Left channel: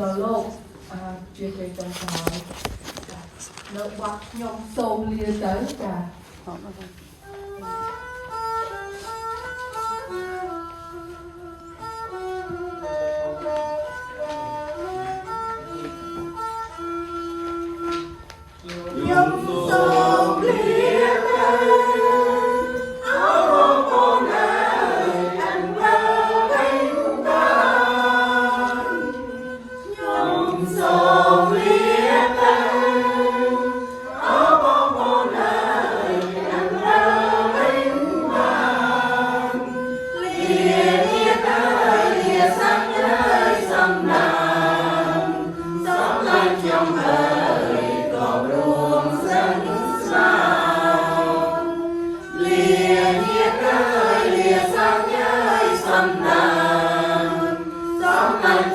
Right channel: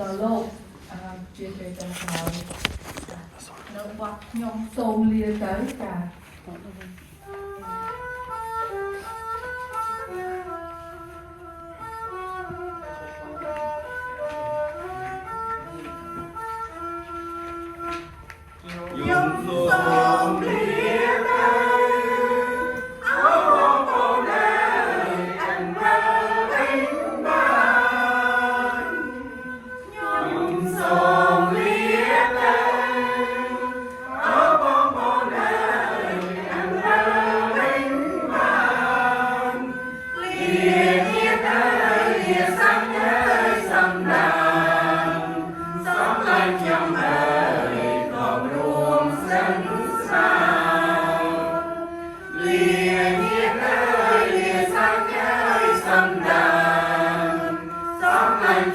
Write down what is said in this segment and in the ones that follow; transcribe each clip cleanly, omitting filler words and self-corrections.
ដល់លោកជាទេចាហើយនៅបោះខ្ញុំសូមលាទៅចា Hãy subscribe cho kênh Ghiền Mì Gõ để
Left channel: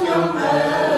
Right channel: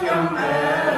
không bỏ lỡ